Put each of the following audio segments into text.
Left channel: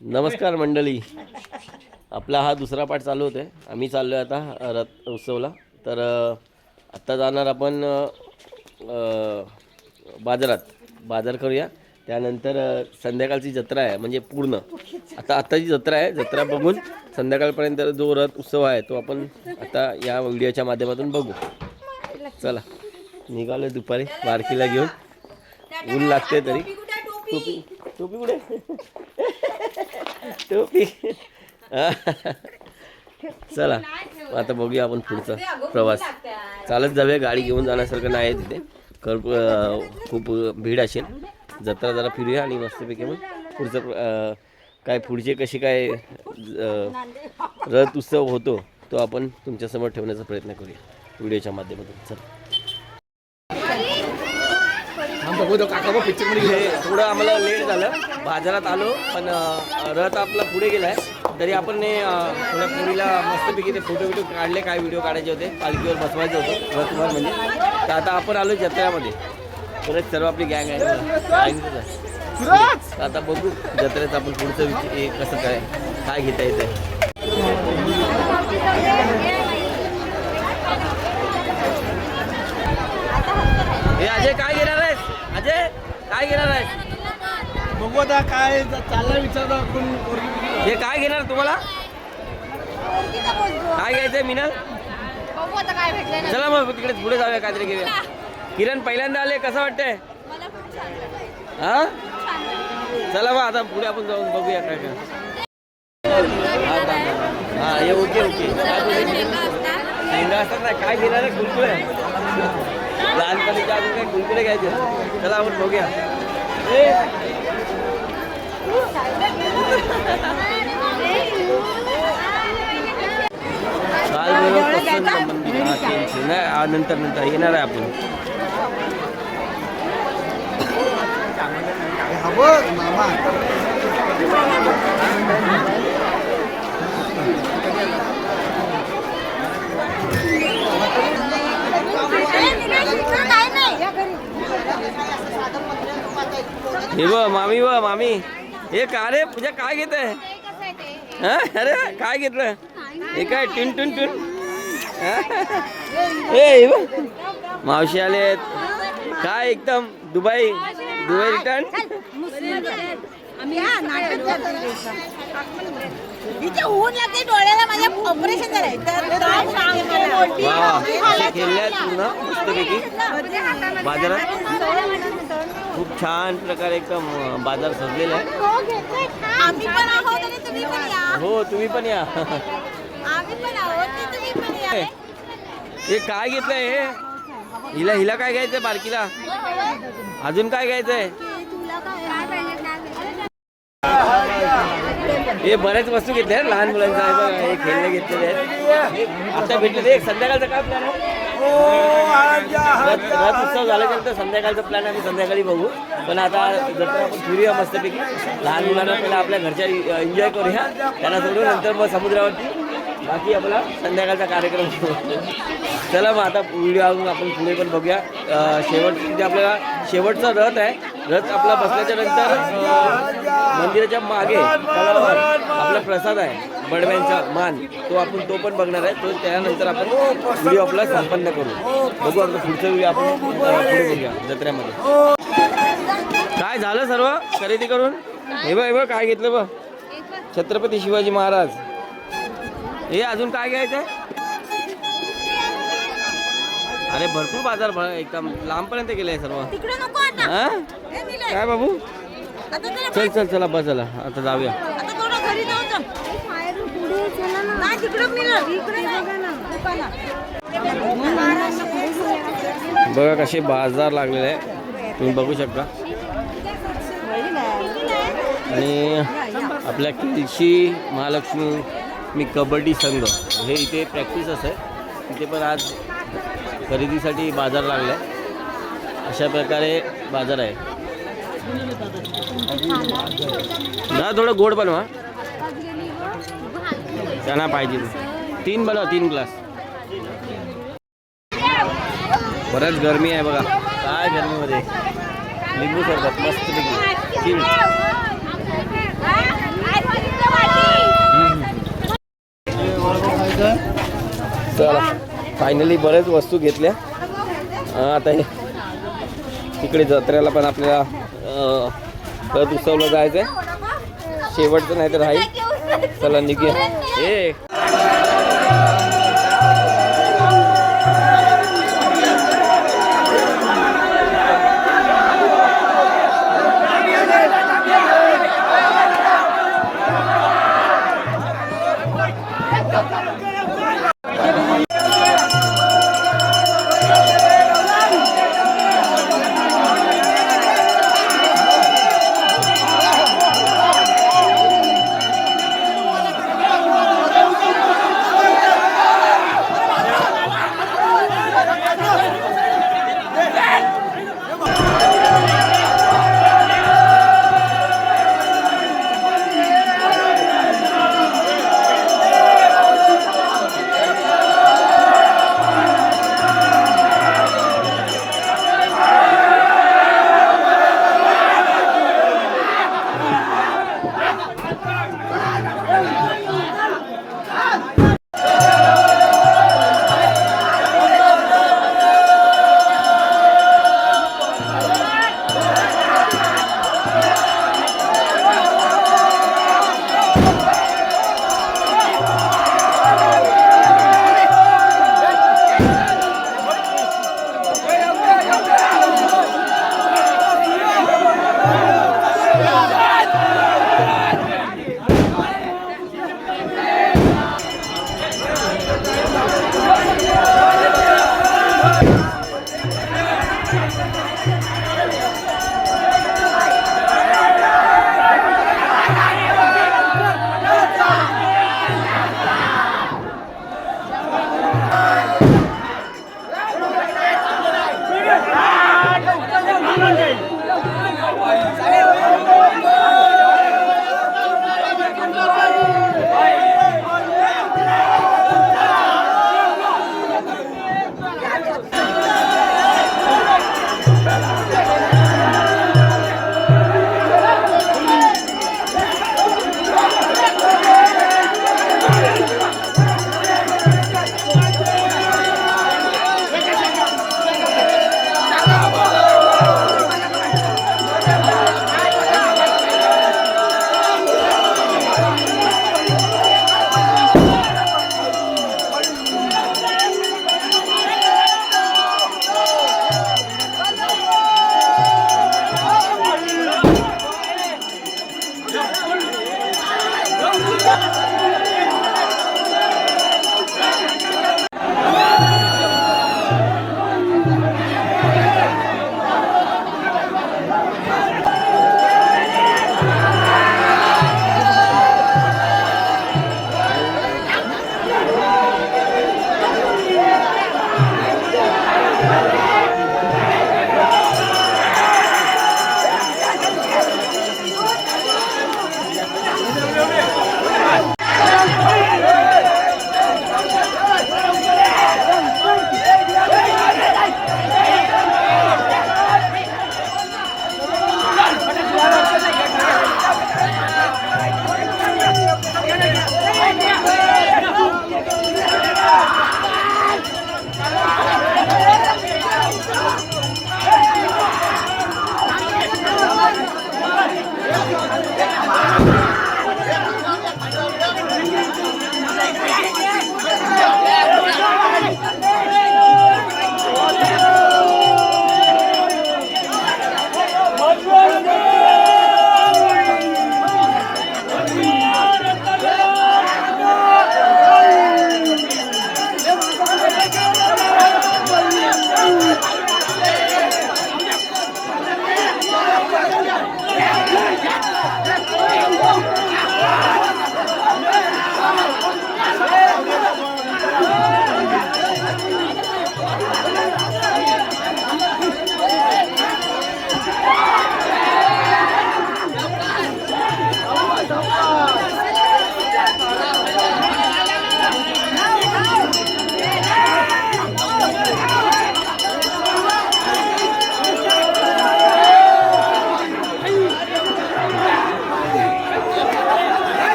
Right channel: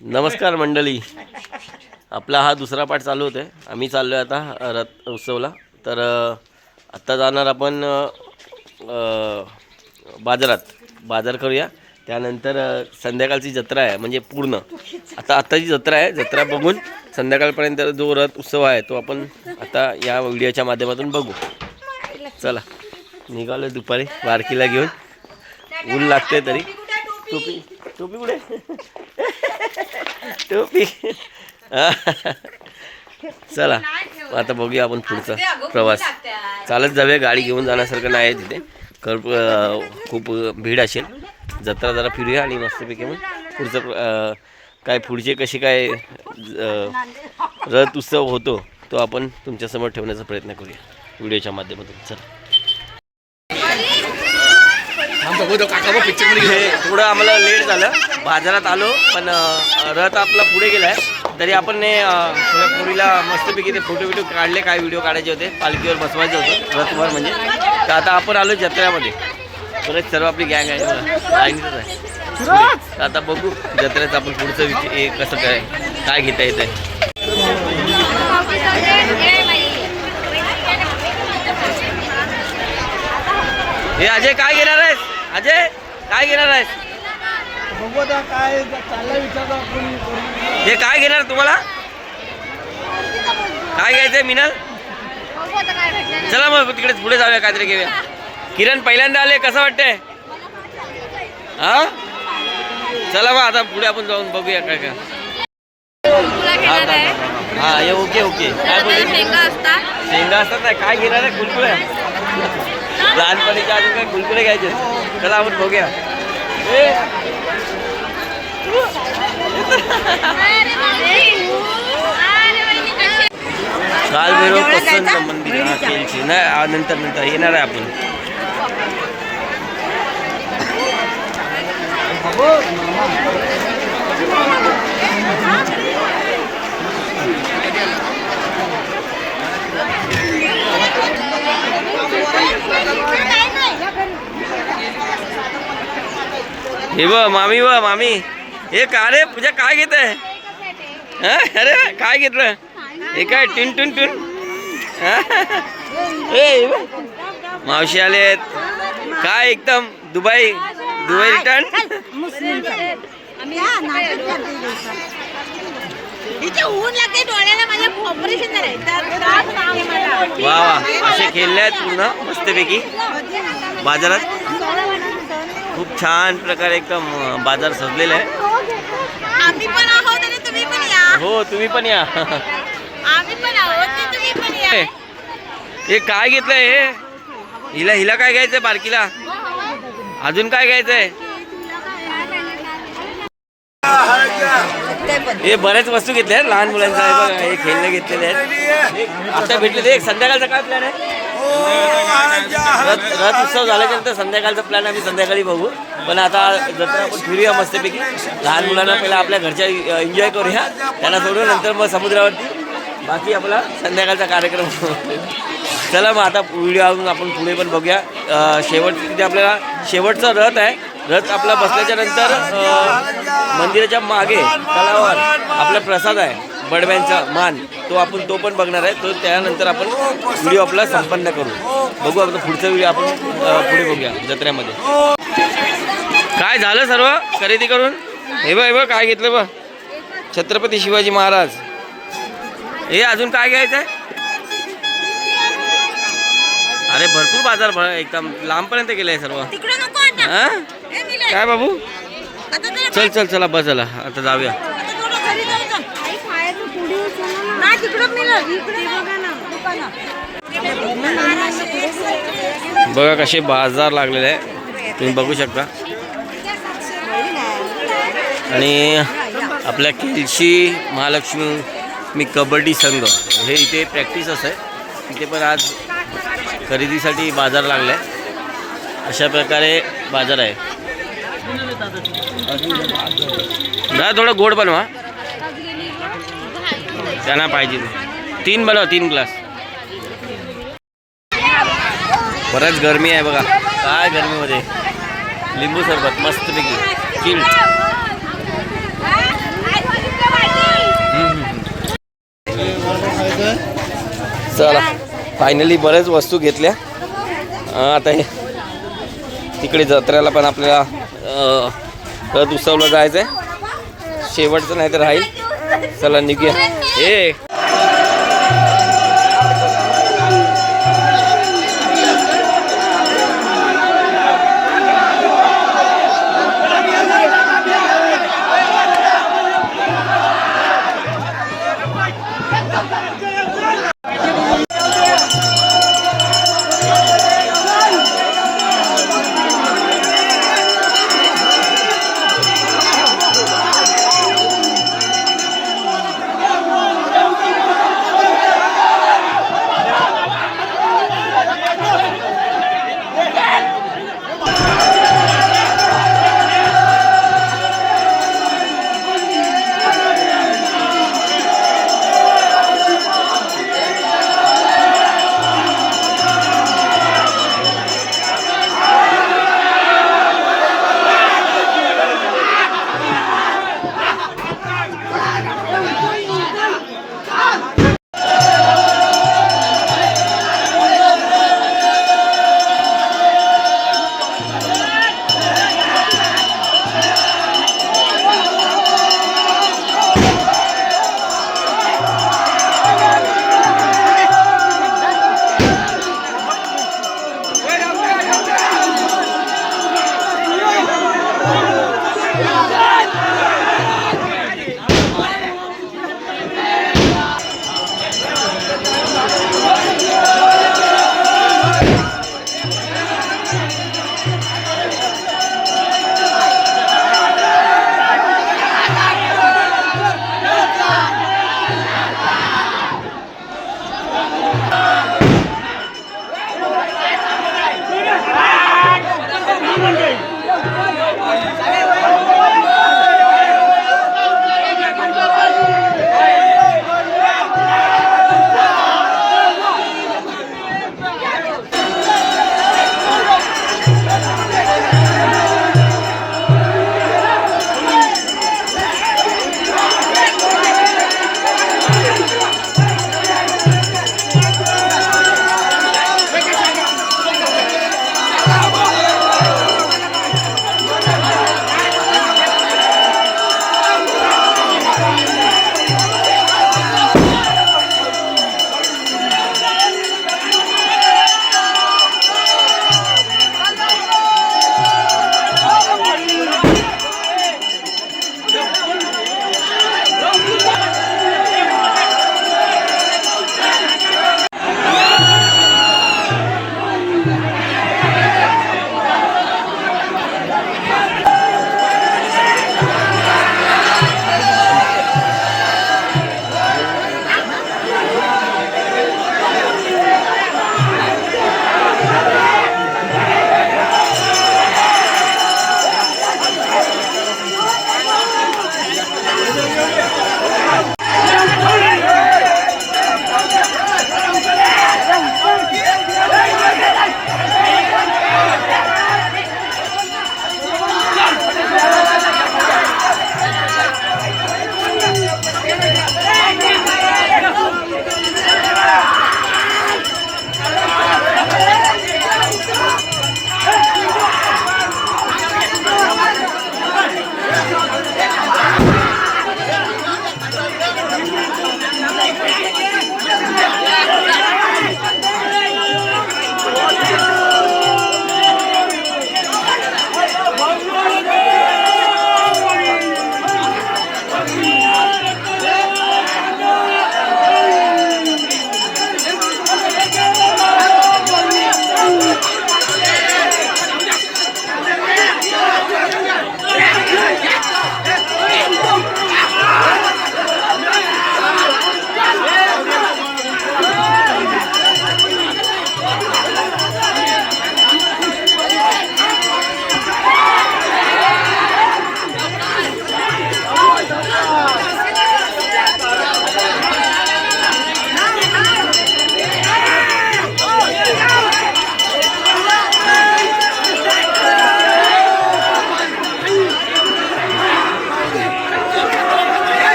नमस्कार मंडळी, आपला हा दुसरा पाठ चालू होता. आम्ही चाललो आहे आता रथ उत्सवला. तर आत्ता जाणार आपण बाजार करूया. त्यानंतर संध्याकाळची जत्रा आहे, म्हणजे पूर्ण आत्ताची जत्रा आहे. जत्रा बघून संध्याकाळपर्यंत जो रथ उत्सव आहे तो आपण आता या व्हिडिओच्या माध्यमातून बघू. चला निघालो दुपारी बारकीला घेऊन. ऊन लागते तरी. टोपी टोपी कुठे? टोपी. चला आता बघूया आपण पुढचा प्रवास. चालत जाऊया, गाडी घेऊन जाण्यासारखं नाही आहे तिथे. खूप भीड असेल. जत्रा जरा फिरूया आणि मस्तपैकी मग पुढचं काय पुढचे कसे काय रथ उत्सव होतो तो आपण तुमच्यासमोर ठेवण्याचा प्रयत्न करूया व्हिडिओच्या माध्यमातून. चला. थोडं आम्हाला लेट झालं, बाजारात आलो पण रथ आपला पुढे गेला आहे. तरी आपण थोड्या पुरीला मस्तपैकी ते फोटो काढले. काय व्हिडिओ काढायचे होते, पालखीवर बसवायचं होतं, रथवर म्हणजे. तर आता आपण आलो जत्रेमध्ये. परत सर्व आपली गँग आहे पुढे. तर आता बघू जत्रेत आपण पुढचं कसं काय घेता येतं आहे. हे अजय काय घेणार आहेस? अजय काय घेणार आहेस? बघू आता काय चाललंय विचारता. हे काय घेणार तुम्हाला? काय घ्यायचंय मिनल? चला मग तिकडेच पुढे जाऊया, काहीतरी घेऊया. किरण पहिल्यांदा आले, कसं वाटतंय? हा चला मग आता पुढे आपण जाऊन बघूया काय काय. हा ये ओके ओके. काय बोलते? शेंगा असतात ना, काय घेणार आहे? कुलकुले. लहानपणीच्या अजून काय कुलकुले घ्यायचे. चला आपण बघूया. कालभैरव प्रसन्न मंदिर. नाही नंतर येणार आहे आपण. हे मामी हे का रे पूजा, काय घेत आहे? अरे काय घेतलं? हे काय टिन टुन टुन? हे मावशी आलेत काय? एकदम दुबई रिटर्न. वा वा, असे खेळले आहेत पूर्ण मस्तपैकी बाजारात. खूप छान प्रकारे एकदम बाजार सजलेला आहे. आम्ही पण आहोत आणि तुम्ही पण या. हो तुम्ही पण या. आम्ही पण आहोत आणि तुम्ही पण या. हे काय घेतलंय? हे हिला काय घ्यायचंय? बारकीला अजून काय घ्यायचंय? हे बऱ्याच वस्तू घेतल्या आहेत लहान मुलांच्या. आहे बघा, हे खेळणे घेतलेले आहेत. आता भेटले. एक संध्याकाळचा काय प्लॅन आहे? रथ उत्सव झाल्यानंतर संध्याकाळचा प्लॅन आम्ही संध्याकाळी बघू. पण आता जत्रा आपण फिरूया मस्तपैकी. लहान मुलांना पहिला आपल्या घरच्या एन्जॉय करूया, त्यांना सोडून नंतर मग समुद्रावरती बाकी आपला संध्याकाळचा कार्यक्रम. चला मग आता व्हिडिओ आपण पुढे पण बघूया. तिथे आपल्याला शेवटचा रथ आहे. रथ आपला बसल्याच्या नंतर मंदिराच्या मागे तलावावर आपला प्रसाद आहे, बडव्यांचा मान, तो पण बघणार आहे. तो त्यानंतर आपण व्हिडिओ आपला संपन्न करू. बघू आपला पुढचा व्हिडिओ आपण पुढे बघूया जत्रेमध्ये. काय झालं सर्व खरेदी करून? हे बघ काय घेतलं बघ. छत्रपती शिवाजी महाराज. हे अजून काय घ्यायचं आहे? अरे भरपूर बाजार एकदम लांबपर्यंत गेलाय सर्व. हा काय बाबू? चल चला बस झाला, आता जाऊया. बघा कसे बाजार लागलेले आहे, तुम्ही बघू शकता. आणि आपल्या केलशी महालक्ष्मी कबड्डी संघ हे इथे प्रॅक्टिस आहे. तिथे पण आज खरेदीसाठी बाजार लागला आहे. अशा प्रकारे बाजार आहे. थोडं गोड बनवा, त्यांना पाहिजे. 3 बनवा, 3 ग्लास. बरंच गरमी आहे बघा. काय गरमीमध्ये लिंबू सरबत मस्तपैकी चिल्ड. चला फायनली बऱ्याच वस्तू घेतल्या. आता हे तिकडे जत्रेला पण आपल्याला रथ उत्सवला जायचं आहे. शेवटचं नाही तर राहील. चला निघूया. हे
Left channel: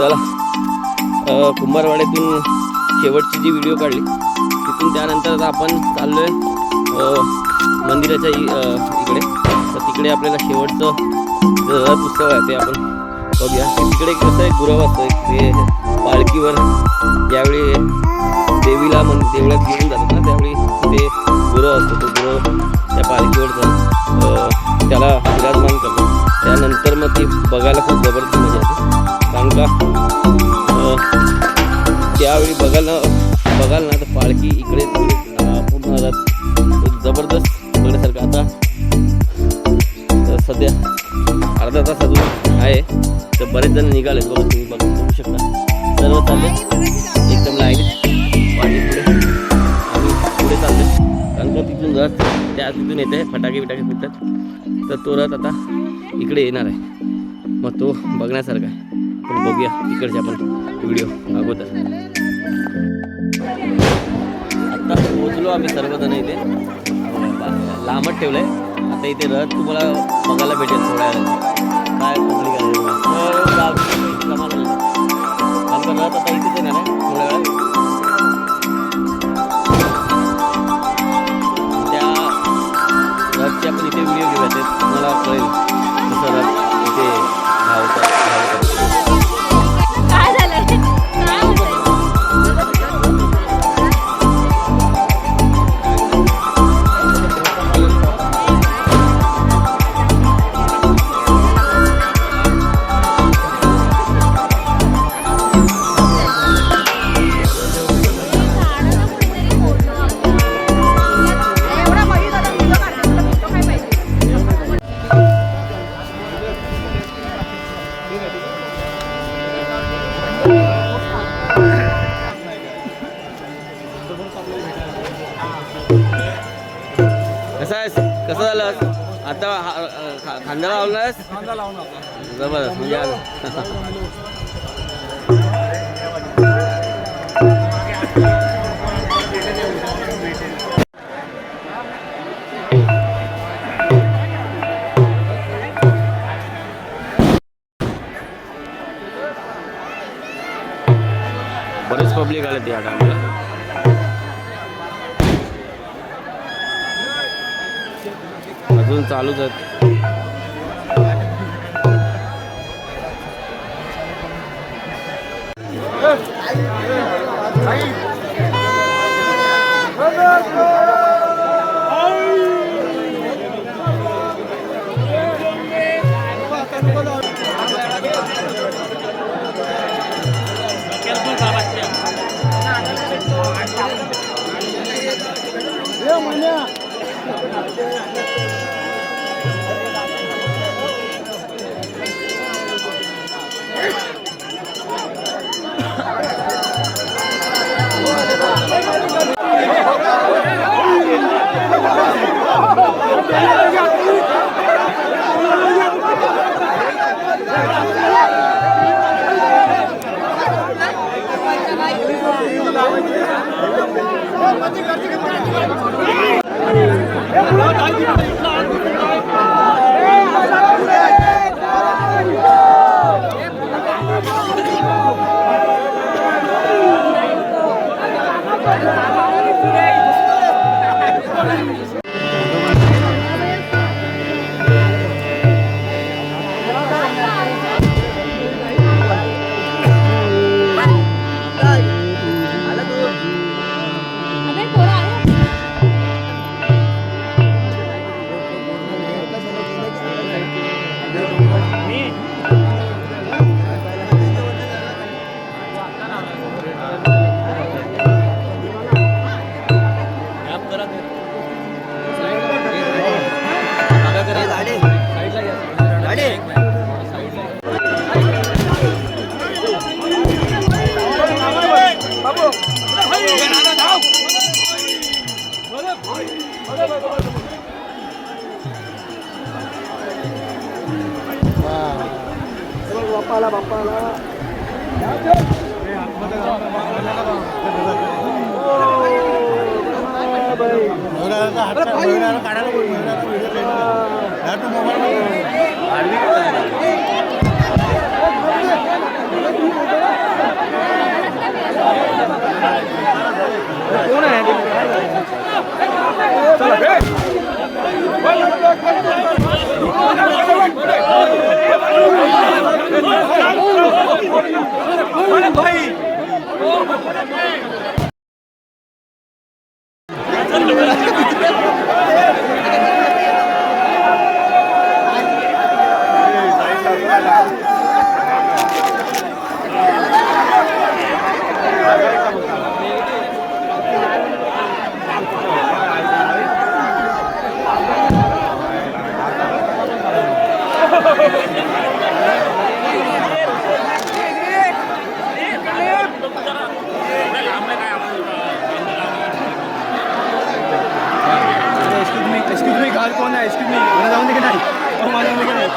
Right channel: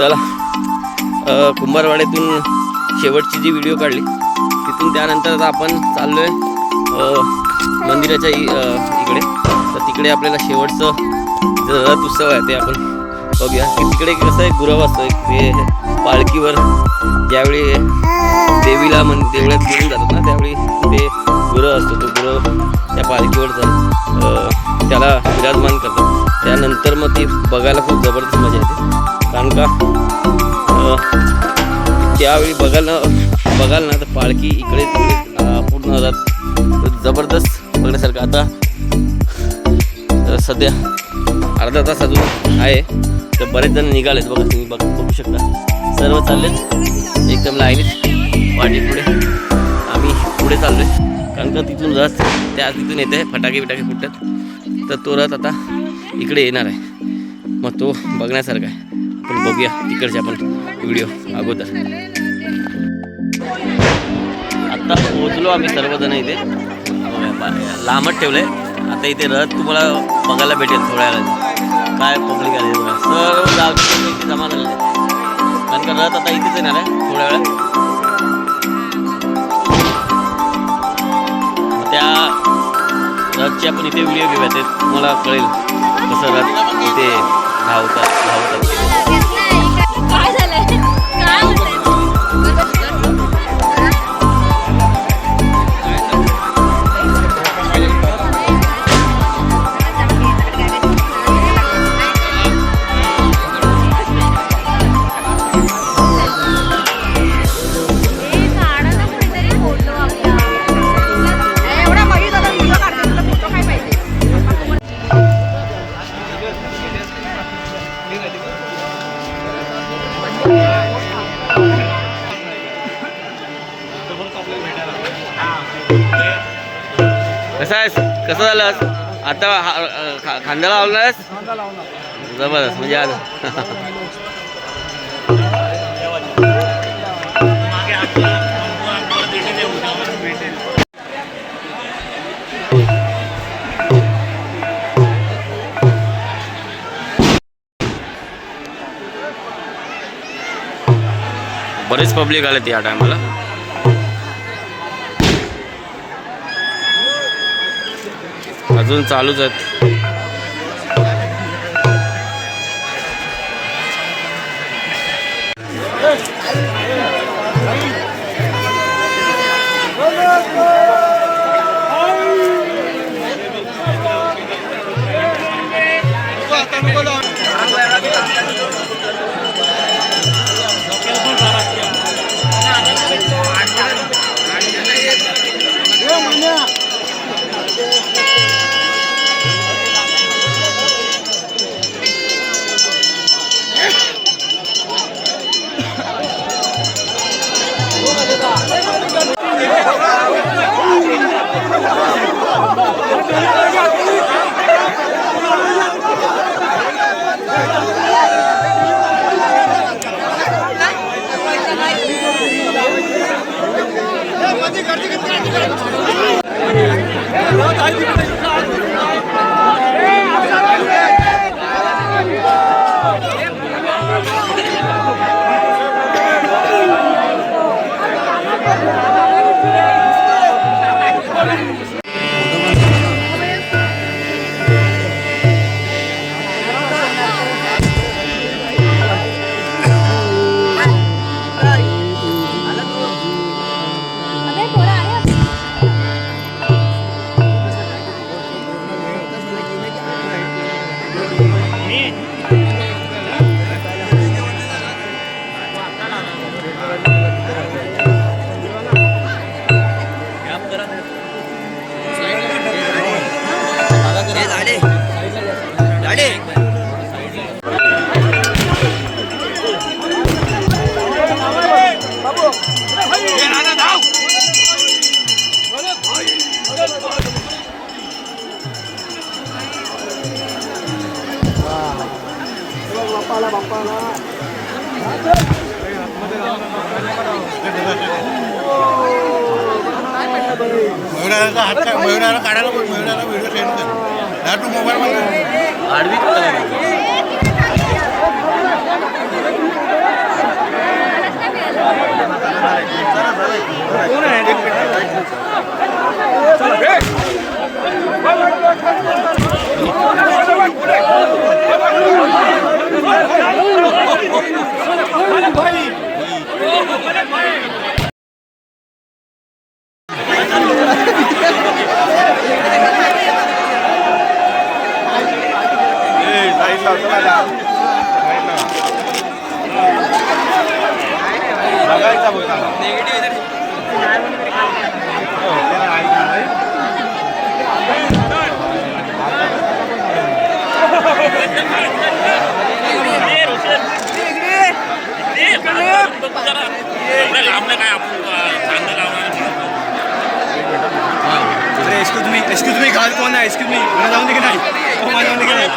चला कुंभारवाड्यातून शेवटची जी व्हिडिओ काढली तिथून त्यानंतर आता आपण चाललो आहे मंदिराच्या इकडे. तर तिकडे आपल्याला शेवटचं जो रथ उत्सव आहे ते आपण बघूया. तिकडे कसं आहे गुरव असतं ते पालखीवर ज्यावेळी देवीला देवळात घेऊन जातात ना त्यावेळी ते गुरव असतो. तो गुरव त्या पालखीवर जाऊन त्याला विराजमान करतात. त्यानंतर मग ती बघायला खूप जबरदस्त मजा येते. कारण का त्यावेळी बघाल ना तर पालखी इकडे तिकडे पूर्ण जातात. जबरदस्त बघण्यासारखं. आता सध्या अर्धा तास अजून आहे तर बरेच जण निघालेत बघा. तुम्ही बघू शकता सर्व चाललेत एकदम लाईनीत वाटी पुढे. आम्ही पुढे चाललो आहे कारण का तिथून रथ तिथून येते फटाके बिटाके फुटतात. तर तो रथ आता इकडे येणार आहे मग तो बघण्यासारखा आहे. आपण बघूया तिकडचे आपण व्हिडिओ अगोदर. आत्ता पोहोचलो आम्ही सर्वजण इथे. लांबच ठेवलं आहे. आता इथे रथ तुम्हाला बघायला भेटेल थोड्या वेळात. काय पब्लिक आले बघा. सर्व गावचे इथे जमा झालेले आहेत कारण का रथ आता इथेच येणार आहे थोड्या वेळात. त्या रथचे आपण इथे व्हिडिओ घेऊया ते तुम्हाला कळेल कसं रथ इथे धावतात. काय झालं काय होतंय? कसं झालं आता खांद्याला लावलास जबरदस्त म्हणजे आज बरेच पब्लिक आले त्या टायमाला. अजून चालूच आहेत. मयुराला काढायला मयुराला व्हिडिओ सेंड कर. तू मोबाईल मध्ये एवढ्या लांब नाही काय आपण चांगलं लावणार अरे एक्सक्यूज मी घाल कोण आहे एक्सक्यूज मी मला जाऊन दे की नाही हो मला जाऊन दे की नाही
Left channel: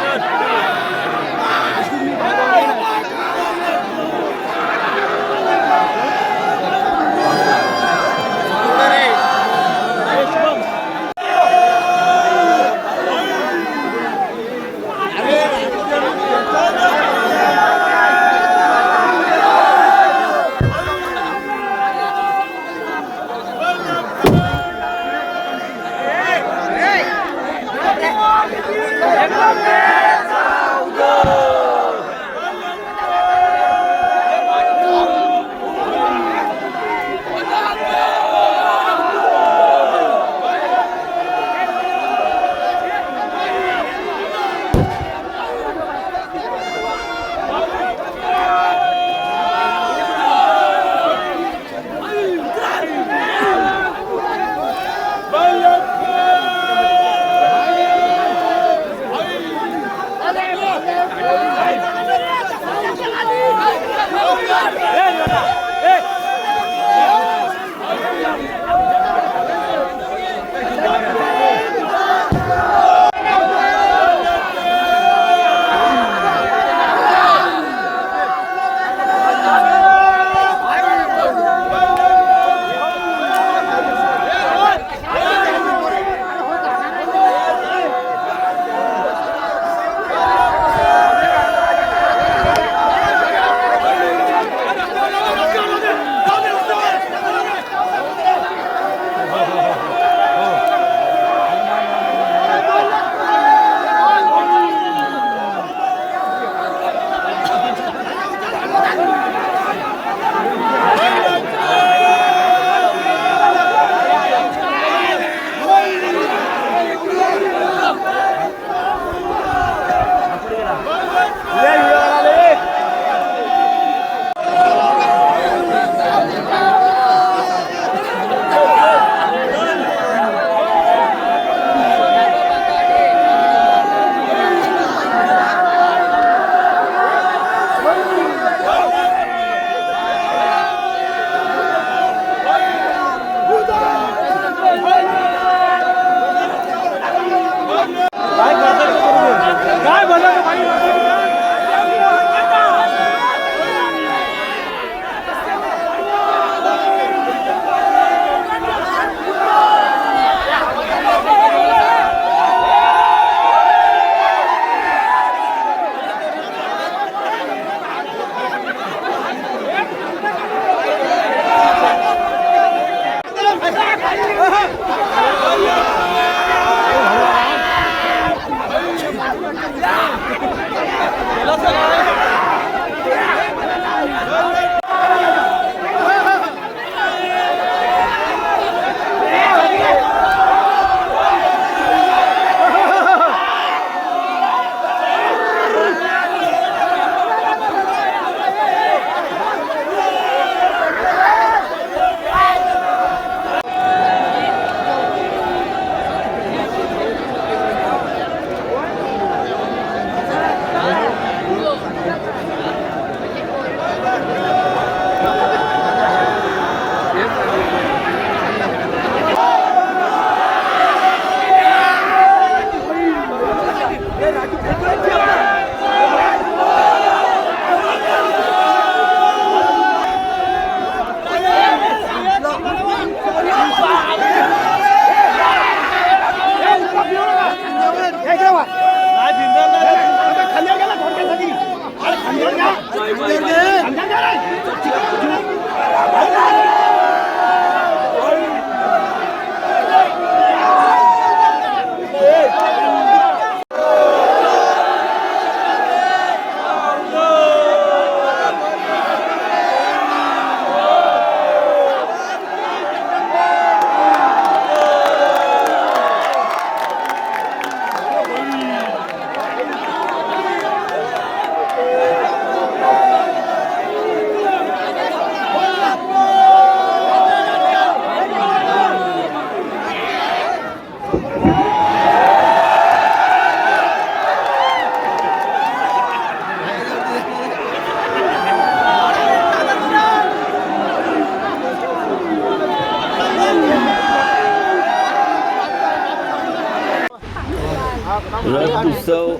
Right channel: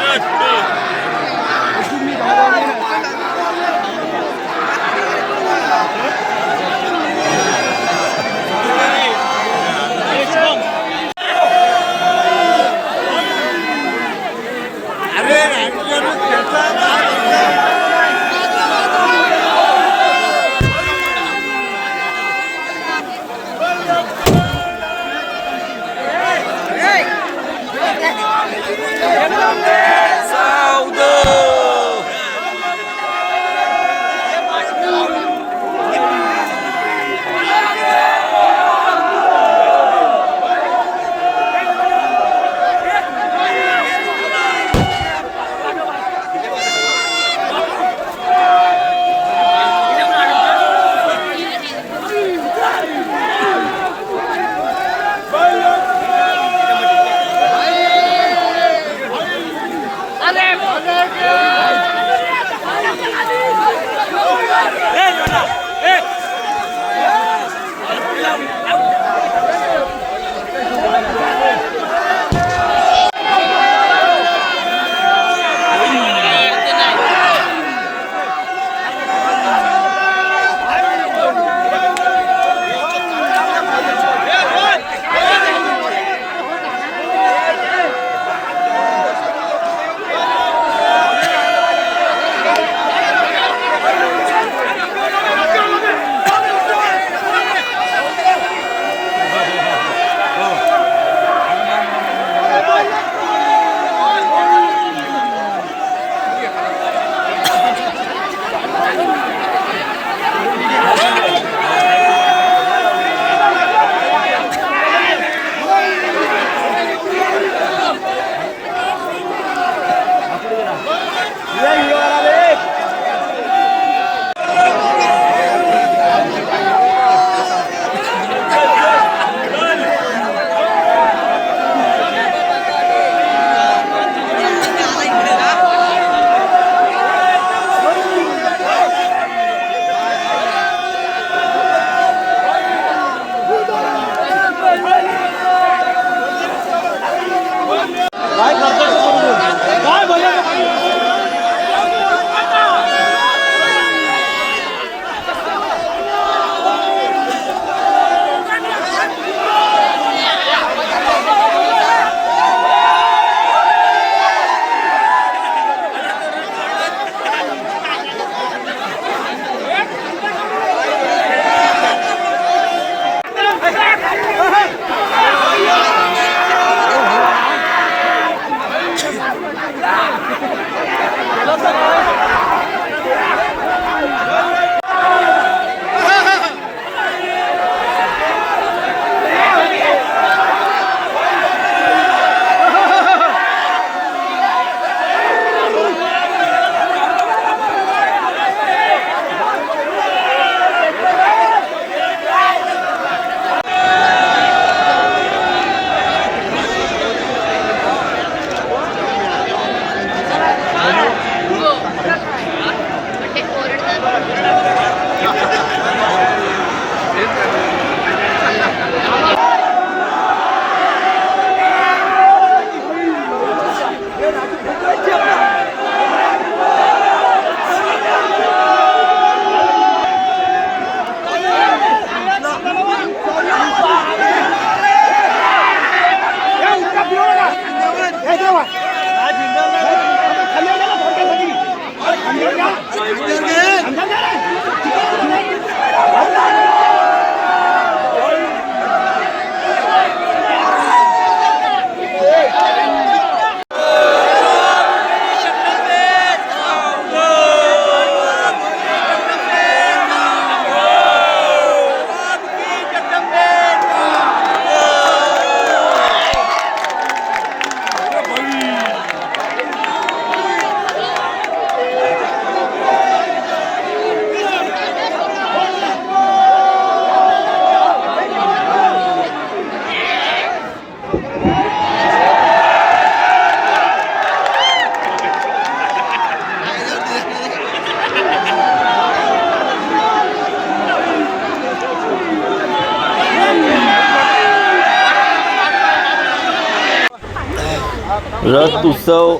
रथ उत्सव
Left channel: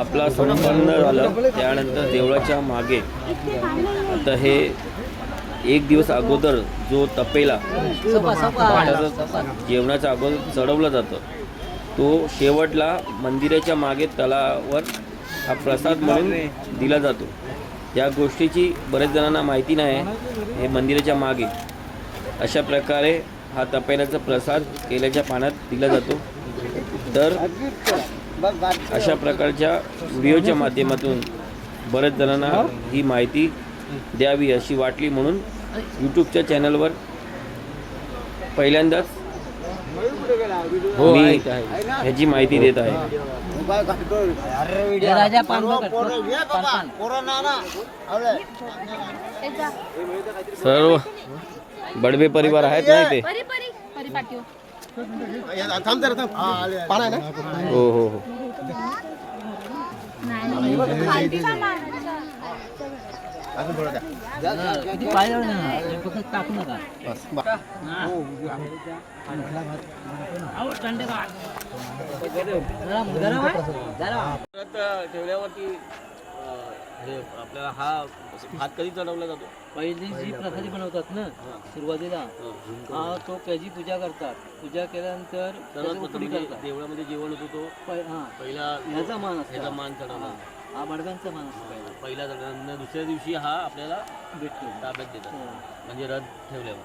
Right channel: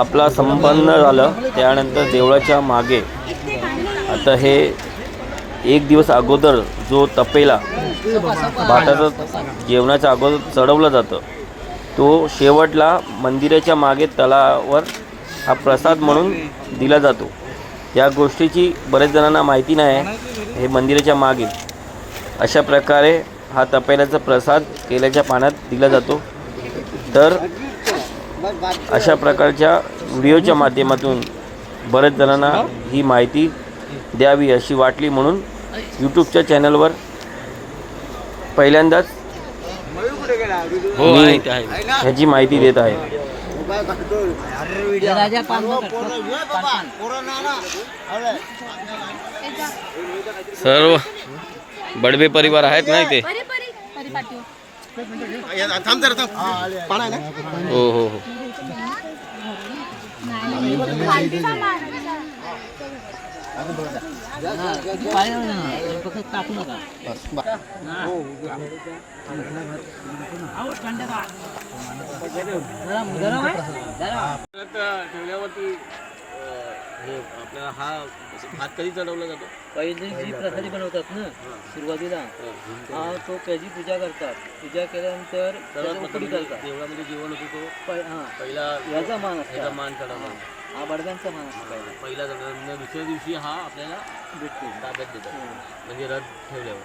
आपला संपन्न झालं. त्यानंतर देवळाच्या मागे आता हे एक दिवस अगोदर जो तपेला भाताचा जेवणाच्या अगोदर चढवलं जातं तो शेवटला मंदिराच्या मागे तलावर हा प्रसाद म्हणून दिला जातो. या गोष्टीची बऱ्याच जणांना माहिती नाही आहे. हे मंदिराच्या मागे अशा प्रकारे हा तपेल्याचा प्रसाद केल्याच्या पाण्यात दिला जातो. तर अशा प्रकारच्या व्हिडिओच्या माध्यमातून बऱ्याच जणांना ही माहिती द्यावी अशी वाटली म्हणून यूट्यूबच्या चॅनलवर पहिल्यांदाच मी ह्याची माहिती देत आहे. सर्व बडबे परिवार आहेत ना इथे. परी परी परी पाठव. थांब जरा थांब. पाणी आहे ना? हो हो हो. ठेवल्यावरती हे आपल्याला हा भात कधी चढवला जातो? पहिले जी प्रसादी बनवतात ना सुरुवातीला हा तो त्याची पूजा करतात. पूजा केल्यानंतर सर्वात त्याची प्रथम उकळी करतात. देवळामध्ये जेवण होतो तो हा पहिला ह्याचा मान ह्याचा असतो. मान चढवला. हा बडव्यांचा मान असतो पहिला. पहिला चढवला. दुसऱ्या दिवशी हा आपल्याला भेटते. ताब्यात देतो म्हणजे रथ ठेवल्यावर.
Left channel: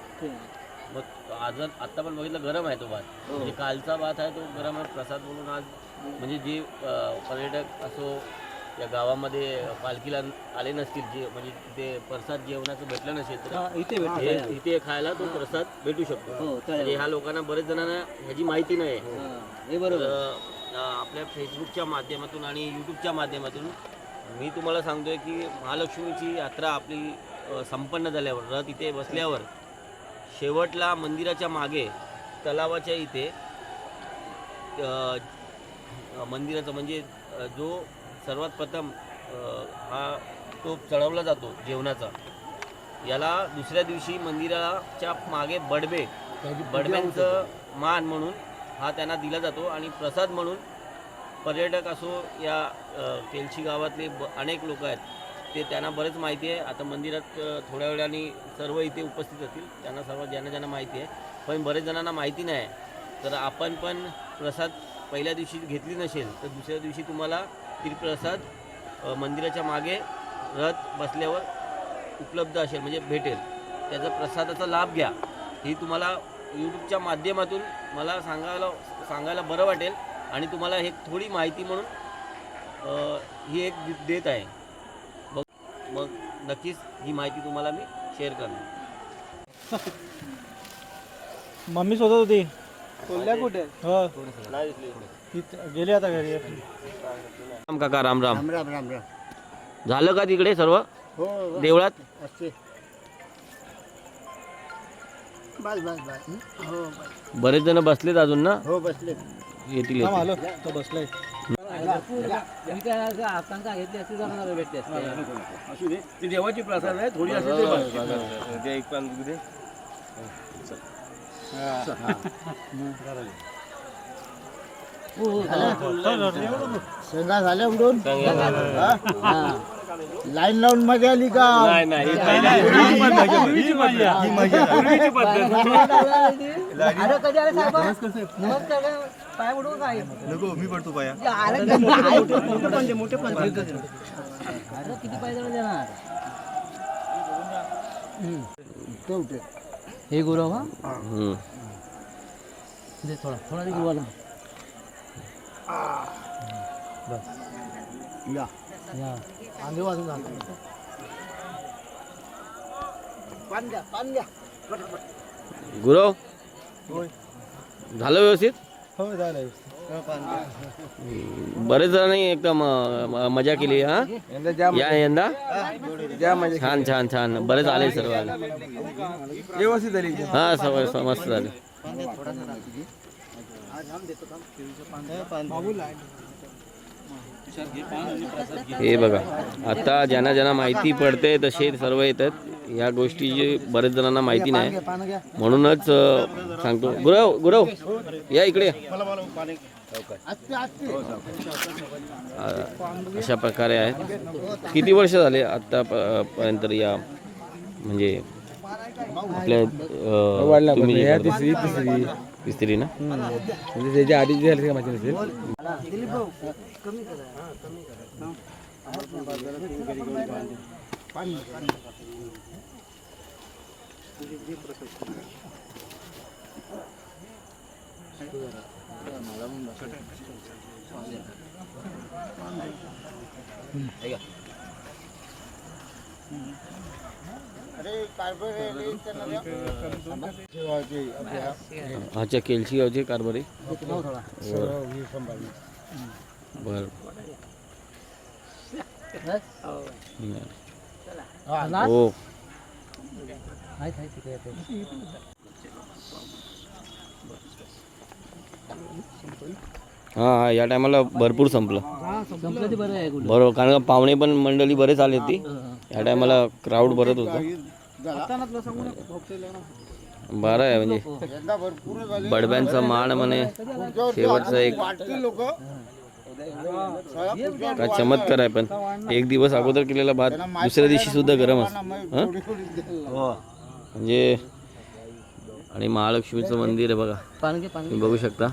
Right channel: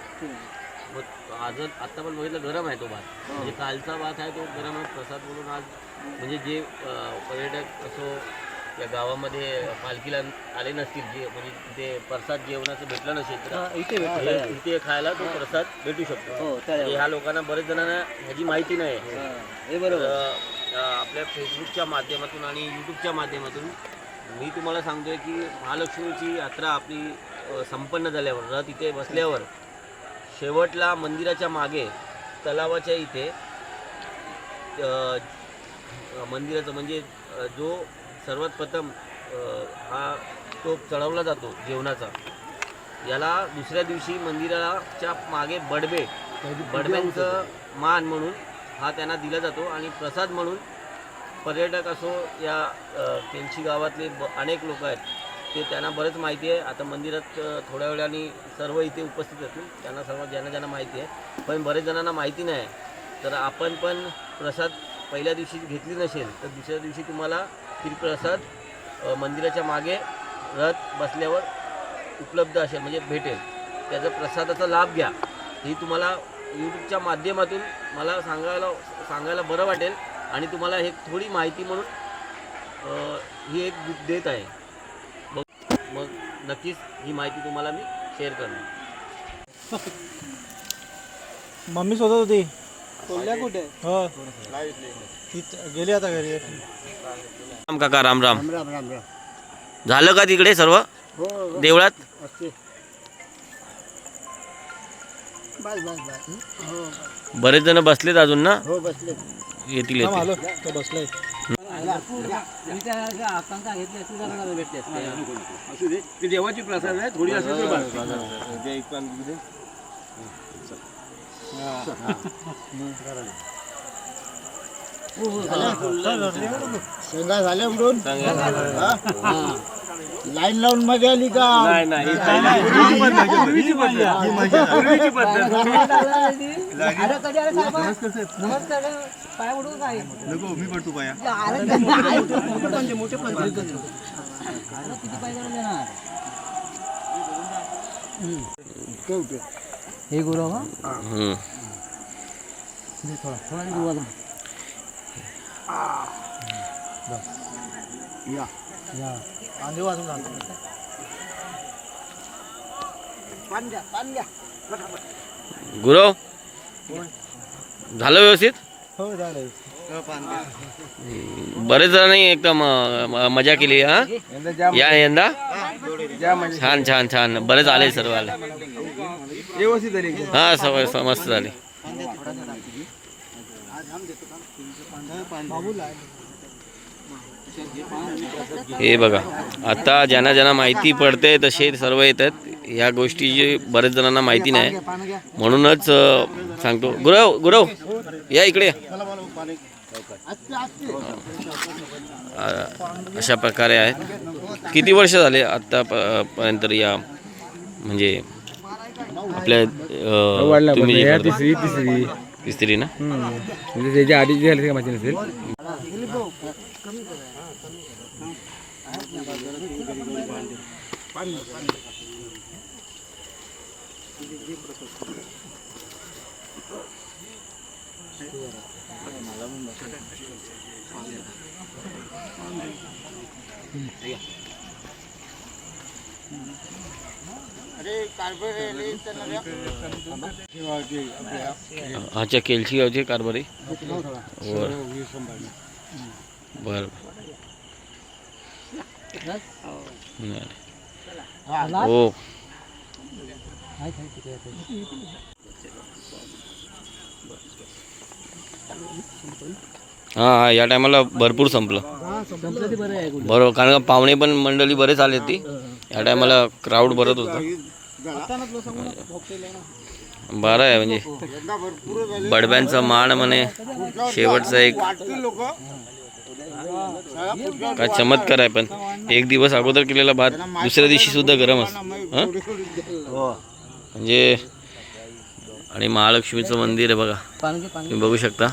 मग आज आत्ता पण बघितलं गरम आहे तो भात. म्हणजे कालचा भात आहे तो गरम आहे. प्रसाद बोलून आज म्हणजे जे पर्यटक असो या गावामध्ये पालखीला आले नसतील जे म्हणजे तिथे प्रसाद जेवणाचं भेटलं नसेल तर इथे भेटतो. इथे खायला तो प्रसाद भेटू शकतो. हो म्हणजे ह्या लोकांना बरेच जणांना ह्याची माहिती नाही आहे. हे बरोबर. तर आपल्या फेसबुकच्या माध्यमातून आणि यूट्यूबच्या माध्यमातून मी तुम्हाला सांगतोय की महालक्ष्मीची यात्रा आपली संपन्न झाल्यावर रथ इथे बसल्यावर शेवटला मंदिराच्या मागे तलावाच्या इथे मंदिराचं म्हणजे जो सर्वात प्रथम हा तो चढवला जातो जेवणाचा. याला दुसऱ्या दिवशी मंदिराच्या मागे बडब्यांचं मान म्हणून हा त्यांना दिला जातो. आणि प्रसाद म्हणून पर्यटक असो या केलशी गावातले अनेक लोक आहेत ते त्यांना बरंच माहिती आहे. आता मंदिरात थोड्या वेळाने सर्व इथे उपस्थित असतील त्यांना सर्व ज्यांना माहिती आहे. पण बरेच जणांना माहिती नाही. तर आपण पण प्रसाद पहिल्या दिवशी घेतली नसेल तर दुसऱ्या दिवशी तुम्हाला प्रसाद मंदिराच्या मागे रथ बसल्यावर उपलब्ध असेल म्हणजे भेटेल. त्याचा प्रसादाचा लाभ घ्या. ही तुम्हाला यूट्यूबच्या माध्यमातून मला सांगायला बरं वाटेल आणि तुम्हाला हे थोडी माहिती म्हणून ही एक देत आहे. मग नक्कीच ही माहिती तुम्हाला मी शेअर करणार. मम्मी शोधत होती. कुठे हो गेली आता घरी. राम काका राम राम. राम राम राम. झालं का तिकडे सर्व हो देवळात? असते. बस बस बस. हो बरेच जण बसलेत अजून ना? हो बसले. येतील येतील. आलो तो बसलाय. आकांक्षा घेतली असती जरा भेटते असते. असू दे ती देवाची प्रसाद आहे थोडी असू दे. शेंगा झाल्या उडून लाईन लावून मजा आली का? पाय उडवून काय मी पडतो पाया. किती पाय देणार हे गुरु हा थोडा थोडा गुरुवाला या या पान घ्या. गुरव झालं व्यवस्थित? हो झालं. बरेच जणांनी एकदम मजा केली हा यंदा. छान छान छान. बरेच आले सर्व आले. व्यवस्थित झाली. हा सवय मस्त झाली. हे बघा आता ज्यांना माहिती पडते तसे सर्व येतात. या गोष्टीची बरेच जणांना माहिती नाही म्हणूनच सांगतो. गुरव या इकडे. अशा प्रकारे आहेत. किती वर्ष झाले आत्ता पर्यंत या म्हणजे आपल्या तुम्ही जे करता? तिसरी ना? म्हणजे त्याच्या आधी जे झाले माहिती नसेल. अच्छा केलशी गावचे कारभारी बर हो. हा या टायमाला भरपूर संपलं. बरोबर, कारण पाहुणे पण मंडळी बरेच आले ती या टायमाला क्राऊड भरत होता. बरं आहे म्हणजे बडब्यांचा मान म्हणे शेवटचा एक काय चमत्कार आहे. पण एक दिवस अगोदर केलेला भात दुसऱ्या दिवशी सुद्धा गरम असतो म्हणजे. आणि महालक्ष्मीचं मंदिर आहे बघा, तुम्ही बघू शकता.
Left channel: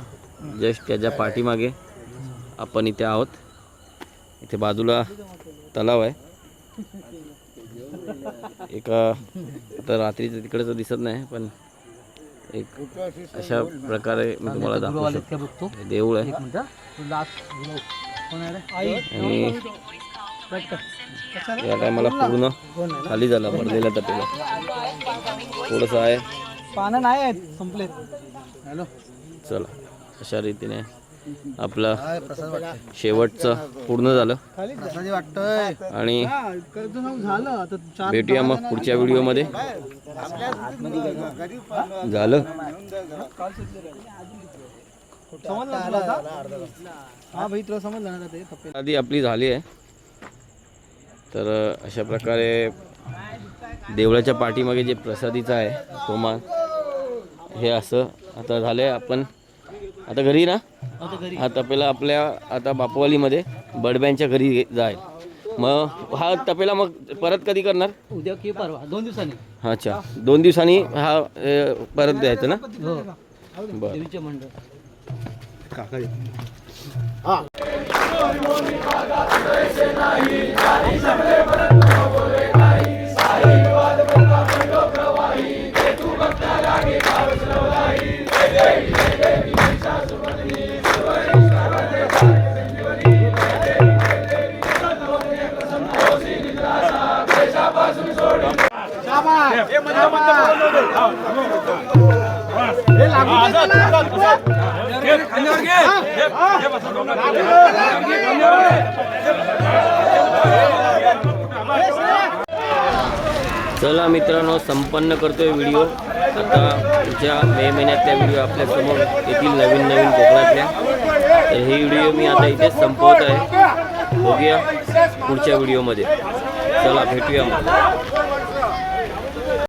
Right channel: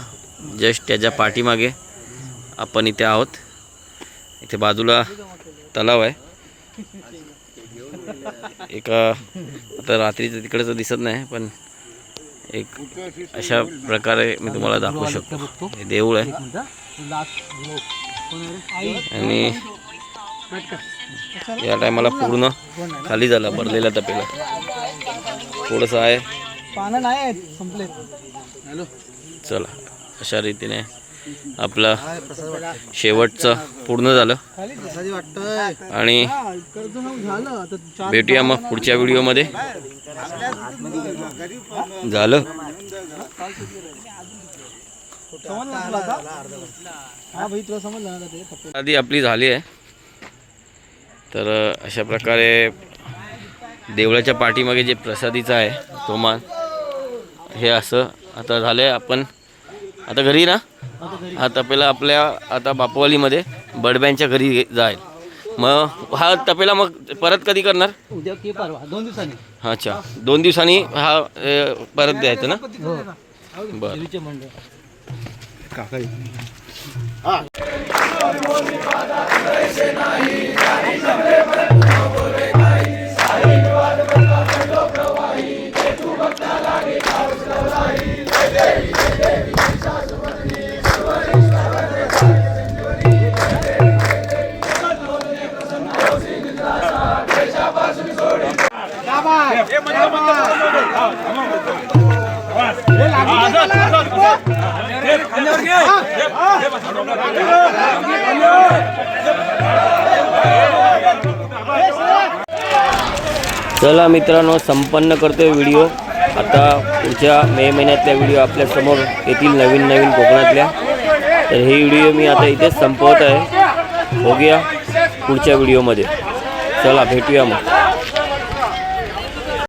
जस्ट त्याच्या पाठीमागे आपण इथे आहोत. इथे बाजूला तलाव आहे. एका आता रात्रीचं तिकडचं दिसत नाही, पण एक अशा प्रकारे मी तुम्हाला दाखवू शकतो. हे देऊळ आहे आणि या टायमाला पूर्ण खाली झाला भरलेला तपेला. थोडंसं आहे. चला अशा रीतीने आपला शेवटचं पूर्ण झालं आणि भेटूया मग पुढच्या व्हिडिओमध्ये. झालं आधी आपली झाली आहे. तर अशा प्रकारे देवळाच्या पाठीमागे जे प्रसादीचं आहे तो मान हे असं आता झालंय. आपण आता घरी ना, हा तपेला आपल्या आता बापूवालीमध्ये बडब्यांच्या घरी जाईल. मग हा तपेला मग परत कधी करणार? उद्या की परवा 2 दिवसांनी. अच्छा 2 दिवसांनी हा परत द्यायचं ना? बरं. चला मित्रांनो, संपन्न करतोय व्हिडिओ. आता पुढच्या मे महिन्यातल्या व्हिडिओ आपल्यासमोर येतील नवीन कोकणातल्या. तर ही व्हिडिओ मी आता इथेच संपवत आहे. बघूया पुढच्या व्हिडिओमध्ये. चला भेटूया मग.